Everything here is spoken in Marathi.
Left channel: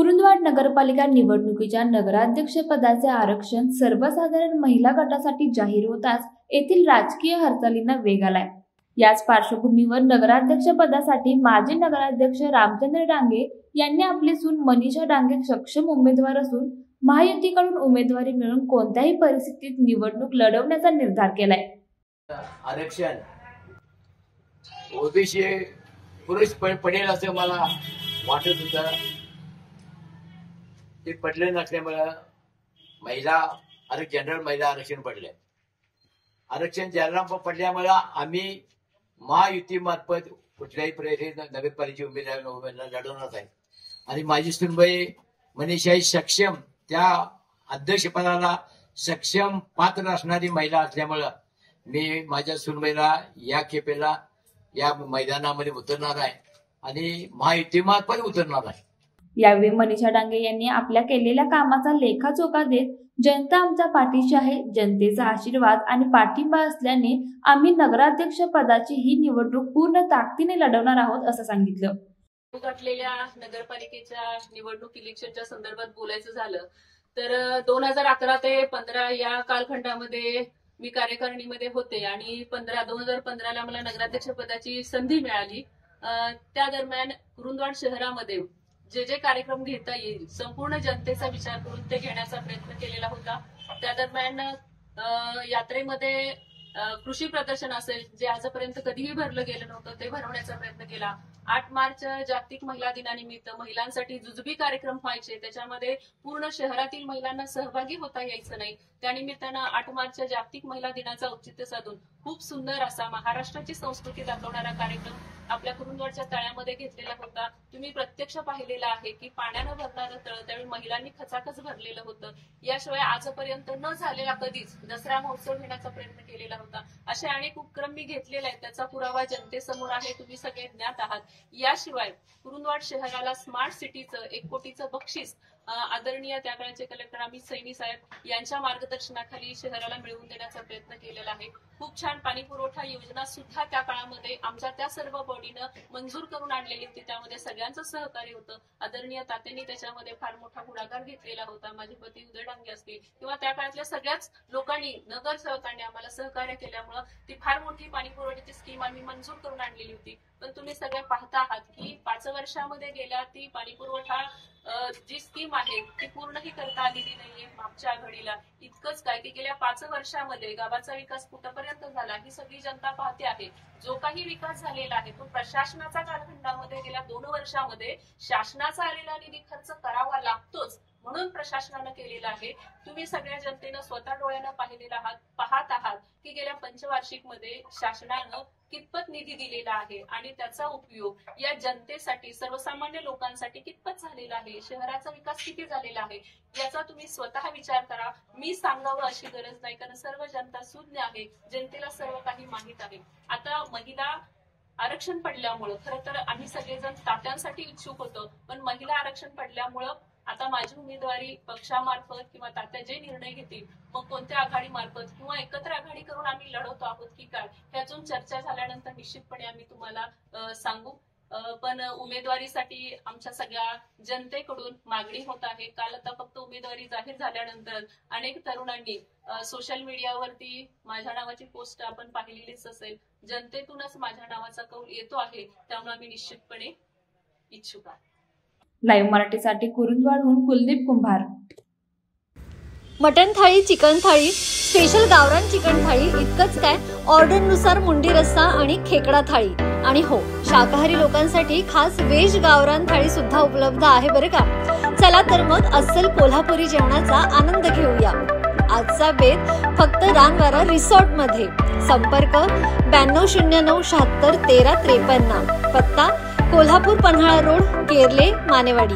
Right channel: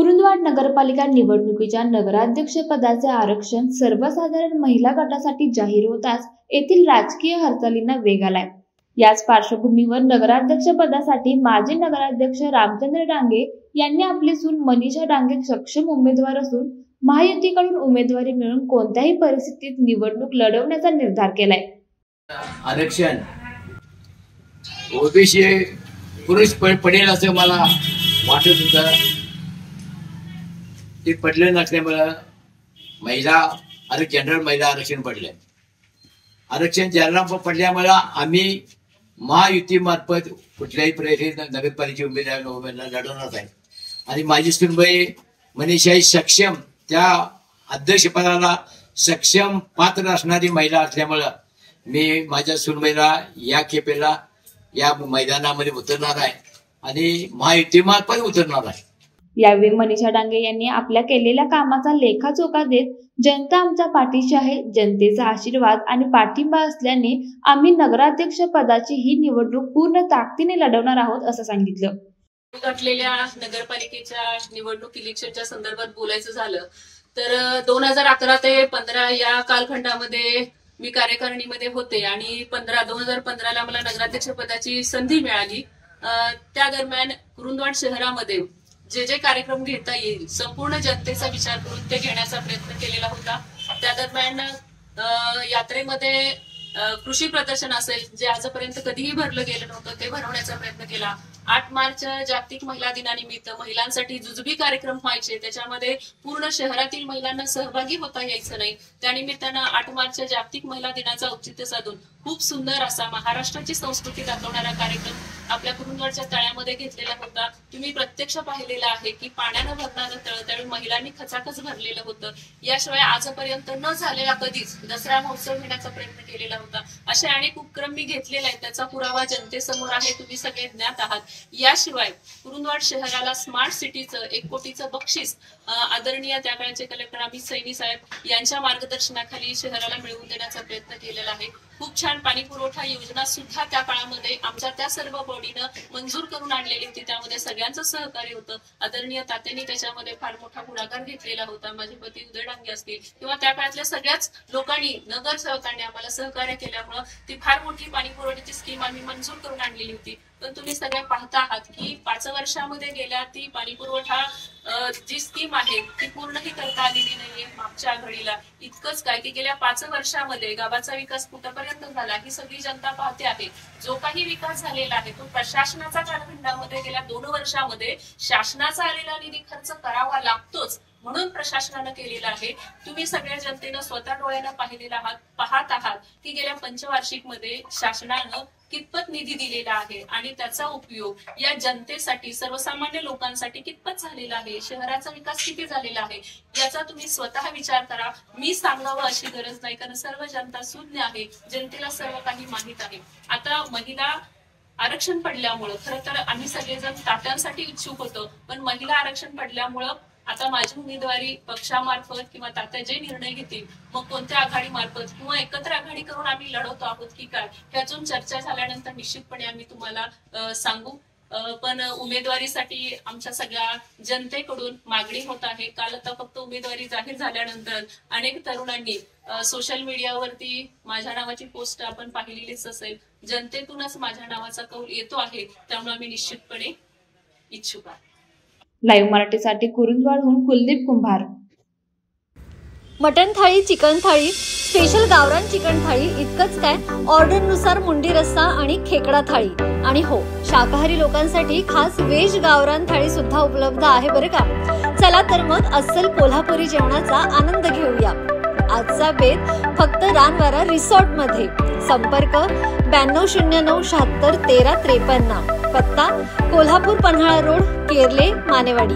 कुरुंदवाड नगरपालिका निवडणुकीच्या नगराध्यक्षपदाचे आरक्षण सर्वसाधारण महिला गटासाठी जाहीर होताच येथील राजकीय हालचालींना वेग आलाय। याच पार्श्वभूमीवर नगराध्यक्षपदासाठी माजी नगराध्यक्ष रामचंद्र डांगे यांनी आपली सून मनीषा डांगे सक्षम उमेदवार असून महायुतीकडून उमेदवारी मिळून कोणत्याही परिस्थितीत निवडणूक लढवण्याचा निर्धार केलाय। आरक्षण ओबीसी पुरुष पडेल असं मला वाटत होतं, ते पडले नसल्यामुळे महिला जनरल महिला आरक्षण पडले। आरक्षण जनरल पडल्यामुळे आम्ही महायुती मार्फत कुठल्याही प्रयत्न नगरपालिकेची उमेदवार लढवणार आहे आणि माझी सुनबाई मनीषा सक्षम त्या अध्यक्षपदाला सक्षम पात्र असणारी महिला असल्यामुळे मी माझ्या सुनबाईला या खेपेला या मैदानामध्ये उतरणार आहे आणि महायुती मार्फत उतरणार आहे। यावेळी मनीषा डांगे यांनी आपल्या केलेल्या कामाचा लेखाजोखा देत जनता आमच्या पाठीशी आहे, जनतेचा आशीर्वाद आणि पाठिंबा असल्याने आम्ही नगराध्यक्ष पदाची ही निवडणूक पूर्ण ताकदीने लढवणार आहोत असं सांगितलं। गाठलेल्या नगरपालिकेच्या निवडणूक इलेक्शनच्या संदर्भात बोलायचं झालं तर 2011 ते 15 या कालखंडामध्ये मी कार्यकारिणीमध्ये होते आणि 2015 ला मला नगराध्यक्ष पदाची संधी मिळाली। त्या दरम्यान कुरुंदवाड शहरामध्ये जे कार्यक्रम घेता येईल संपूर्ण जनतेचा विचार करून ते घेण्याचा प्रयत्न केलेला होता। त्या दरम्यान यात्रेमध्ये कृषी प्रदर्शन असेल जे आजपर्यंत कधीही भरलं गेलं नव्हतं ते भरवण्याचा प्रयत्न केला। 8 मार्च जागतिक महिला दिनानिमित्त महिलांसाठी जुजबी कार्यक्रम व्हायचे, त्याच्यामध्ये पूर्ण शहरातील महिलांना सहभागी होता यायचं नाही, त्यानिमित्तानं 8 मार्च जागतिक महिला दिनाचा औचित्य साधून खूप सुंदर असा महाराष्ट्राची संस्कृती दाखवणारा कार्यक्रम आपल्या कुरुंदवाडच्या तळ्यामध्ये घेतलेला होता। तुम्ही प्रत्यक्ष पाहिलेला आहे की पाण्यानं भरणारं तळ त्यावेळी महिलांनी खचाखच भरलेलं होतं। याशिवाय आजपर्यंत न झालेला कधीच दसरा महोत्सव घेण्याचा प्रयत्न केलेला होता। असे अनेक उपक्रम मी घेतलेले आहेत, त्याचा पुरावा जनतेसमोर आहे, तुम्ही सगळे ज्ञात आहात। याशिवाय कुरुंदवाड शहराला स्मार्ट सिटीचं 1 कोटीचं बक्षीस आदरणीय त्या काळचे कलेक्टर अमित सैनी साहेब यांच्या मार्गदर्शनाखाली शहराला मिळवून देण्याचा प्रयत्न केलेला आहे। खूप छान पाणी पुरवठा योजना सुद्धा त्या काळामध्ये आमच्या त्या सर्व बॉडीनं मंजूर करून आणलेली होती, त्यामध्ये सगळ्यांचं सहकार्य होतं। आदरणीय तात्यांनी त्याच्यामध्ये फार मोठा पुढाकार घेतलेला होता, माझे पती उदय डांगे असतील किंवा त्या काळातल्या सगळ्याच लोकांनी नगरसेवकांनी आम्हाला सहकार्य केल्यामुळे ती फार मोठी पाणी पुरवठ्याची स्कीम आम्ही मंजूर करून आणलेली होती। पण तुम्ही सगळे पाहता आहात की 5 वर्षामध्ये गेल्या ती पाणी पुरवठा जी स्कीम आहे ती पूर्णही करता आलेली नाहीये। मागच्या घडीला इतकंच काय की गेल्या 5 वर्षामध्ये गावाचा विकास कुठपर्यंत झाला ही सगळी जनता पाहते आहे। जो काही विकास झालेला आहे तो प्रशासनाचा कालखंडामध्ये गेल्या 2 वर्षामध्ये शासनाचा आलेला निधी खर्च करावा लागतोच म्हणून प्रशासनानं केलेला आहे। तुम्ही सगळ्या जनतेनं स्वतः डोळ्यानं पाहत आहात की गेल्या पंचवार्षिक मध्ये शासनानं कितपत निधी दिलेला आहे आणि त्याचा उपयोग या जनतेसाठी सर्वसामान्य लोकांसाठी कितपत झालेला आहे, शहराचा विकास किती झालेला आहे याचा तुम्ही स्वतः विचार करा। मी सांगावं अशी गरज नाही, कारण सर्व जनता सुज्ञ आहे, जनतेला सर्व काही माहित आहे। आता महिला आरक्षण पडल्यामुळं खरं तर आम्ही सगळेजण तात्यांसाठी इच्छुक होतो, पण महिला आरक्षण पडल्यामुळं आता माझी उमेदवारी पक्षामार्फत किंवा तात्या जे निर्णय घेतील मग कोणत्या आघाडी मार्फत किंवा एकत्र आघाडी करून आम्ही लढवतो आहोत की काय ह्यातून चर्चा झाल्यानंतर निश्चितपणे आम्ही तुम्हाला सांगू। पण उमेदवारीसाठी आमच्या सगळ्या जनतेकडून मागणी होत आहे। काल आता फक्त उमेदवारी जाहीर झाल्यानंतर अनेक तरुणांनी सोशल मीडियावरती माझ्या नावाची पोस्ट आपण पाहिलेलीच असेल, जनतेतूनच माझ्या नावाचा कौल येतो आहे, त्यामुळे आम्ही निश्चितपणे इच्छुक आहोत। लाईव्ह मराठीसाठी कुरुंदवाडहून कुलदीप कुंभार। मटन थाळी, चिकन थाळी, स्पेशल गावरान चिकन थाळी इतकंच काय, ऑर्डरनुसार मुंडी रस्सा आणि खेकडा थाळी आणि हो, शाकाहारी लोकांसाठी खास व्हेज गावरान थाळी सुद्धा उपलब्ध आहे बरं का। चला तर मग अस्सल कोल्हापुरी जेवणाचा आनंद घेऊया। आजचा बेत फक्त रानवारा रिसॉर्ट मध्ये। संपर्क 9209 76 13 53, पत्ता कोल्हापूर पन्हाळा रोड, केरले, मानेवाडी।